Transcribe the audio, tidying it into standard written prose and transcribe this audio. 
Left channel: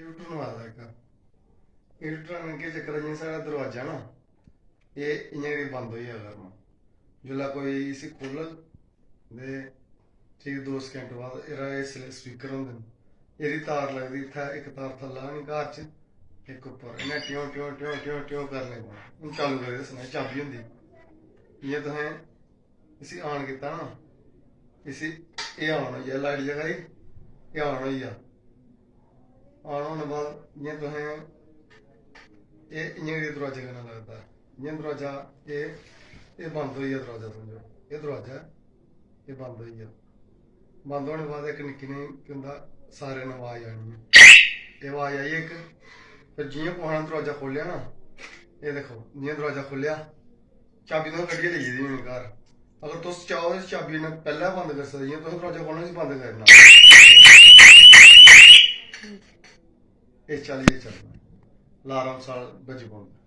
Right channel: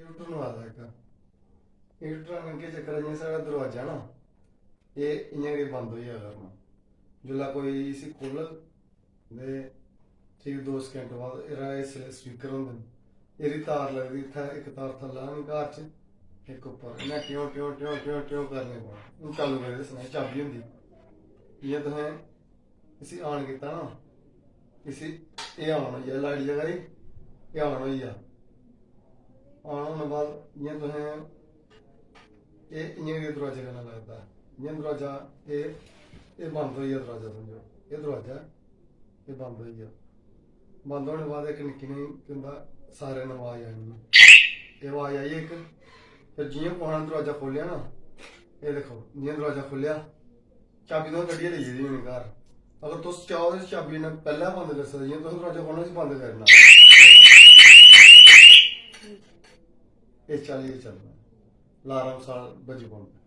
heater Nawada एक heater के चक्कर च साढ़ा दरवाजा ना ये इ'यां गै बंद होई जाएगा जिसलै कोई इसी खोलन ते ठीक 2 सकेंट बाद एह्दा स्पीकर होंदे न एह्दी तार लगदी इत्थै इक तार थल्लै नी घर च इक उप्पर इ'यां ट्यों ट्यों ट्यों ट्यों ट्यों करने पौना हून चालू करियै दस्सना चाबी होंदी जि'यां तुसें इसी ऑन कीता ना इसी एह् ऑन होई जा लाइट जगाई एह् ऑन होई जा ऑन होने बाद जि'यां तुसें एह् इ'यां गै दरवाजे कन्नै लगदा है जि'यां दरवाजा एह् बंद होई गेआ दरवाजा समझो एह् दरवाजा है एह् बंद होई गेआ बंद होने बाद इक निक्की नेही केह् होंदा सारे ने आवाज आनी है एह् आवाज आई इक फिर जि'यां कुसै ने दरवाजा खोलेआ ना एह् दिक्खो जि'यां दरवाजा खोलेआ चाबी तुसें कड्ढियै लेई गेदी होनी घर अगर तुस चाहो ते चाबी ने पैह्लें बंद करी सकदे जि'यां तुसें दरवाजा खोलना इसी बंद करना इस चाल्ली चलना अलार्म साल बजी पौंदा